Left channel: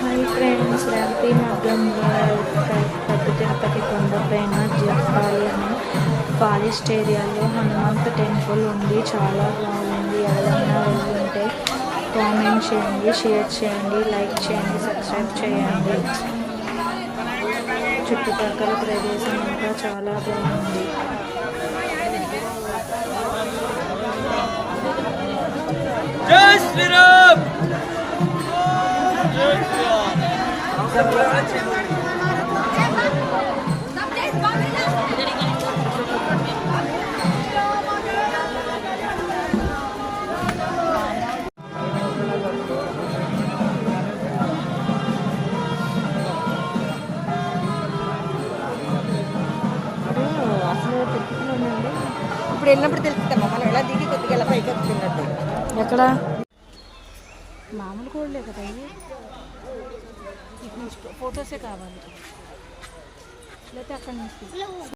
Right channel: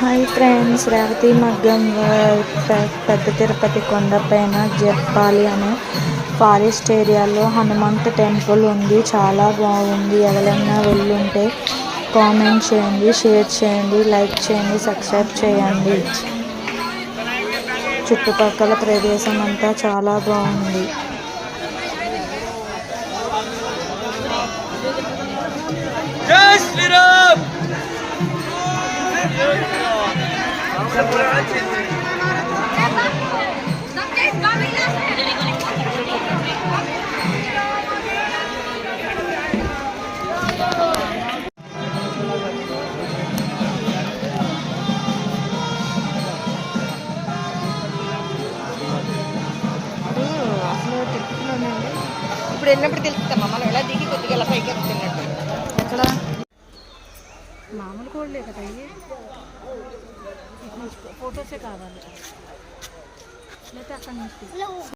Hi friends, Revathi మగ్గం పెద్ద తిరుపతి కొండపైన జప్పాలి అనే ఫారెస్ట్ ఏరియాలో హనుమంత్ టెంపుల్ ఉంది. చాలా బాగుంది. ఎవరైనా వెళ్ళుంటే కామెంట్ చేయండి, షేర్ చేయండి, లైక్ చేయండి, సబ్స్క్రైబ్ చేయండి. చుట్టుపక్కల ప్రదేశం అంతా చాలా బాగుంది. జై శ్రీరామ్. అసలు తెలుపుతున్నానండి. ఇప్పుడు వెళ్ళినప్పుడు తెలుపుతామా మనం ఎలా దిగి కొద్దిగా ఎలా పైకి ఎక్కుతున్నట్టు. ఎక్కడ మామూలు కోళ్ళే కదా ఇవి. ఫొటోసే కావాలి లేకపోతే అక్కడ నుంచి